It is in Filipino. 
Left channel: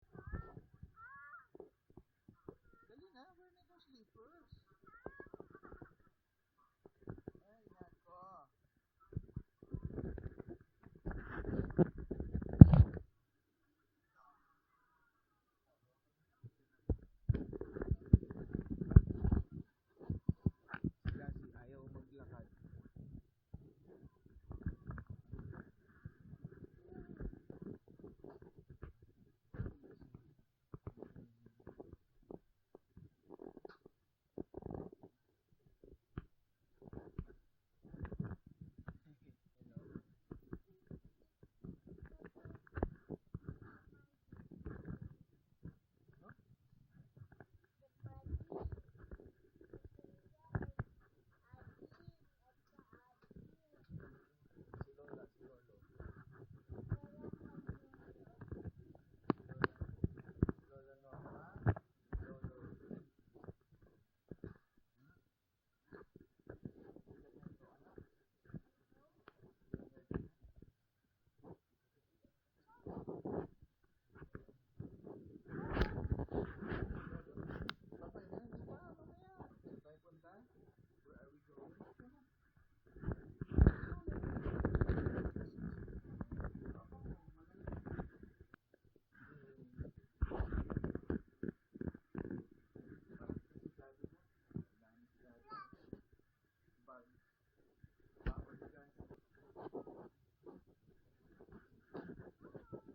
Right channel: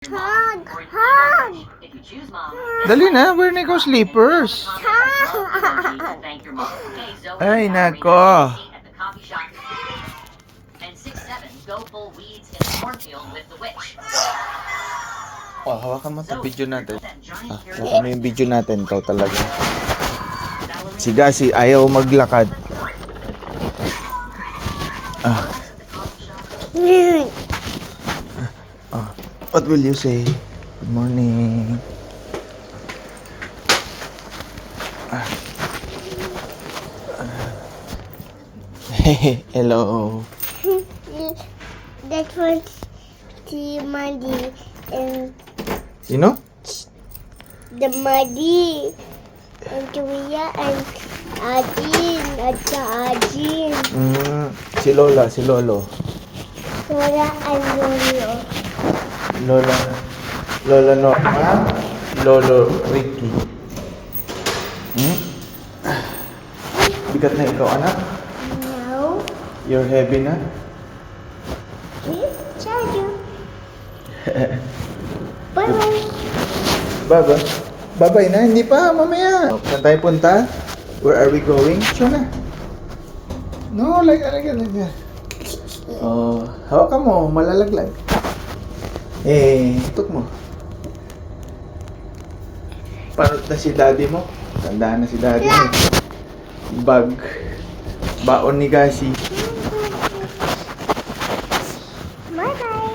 Hug! Hug! Dali na, wear na ikaw slippers. Ay, nako. Oh, hawakan mo ito video natin. Hawakan mo yung video natin. Ikaw talaga. Si Gasi, ayaw maglakad. Ah. What will you say? Good morning. Hello. That was the Muddy and Sino? the Muddy and Julia and Adin at Adin. Si Lola, si Lolo. Lola and Lolo. Lola Norma, Lolo Ricky. Bigat na ikaw, anak? No. You're heavy na? Please charge you. Bye-bye. Baba? Babay na, hindi pa, mamaya. Saan tayo punta? Where are we going? Siya na. No, like that. Oh, hawakan mo, malalaglag. Tutok mo. Parot na si daddy mo. Tandaan na si daddy mo. Bag. Baon ni Gasi.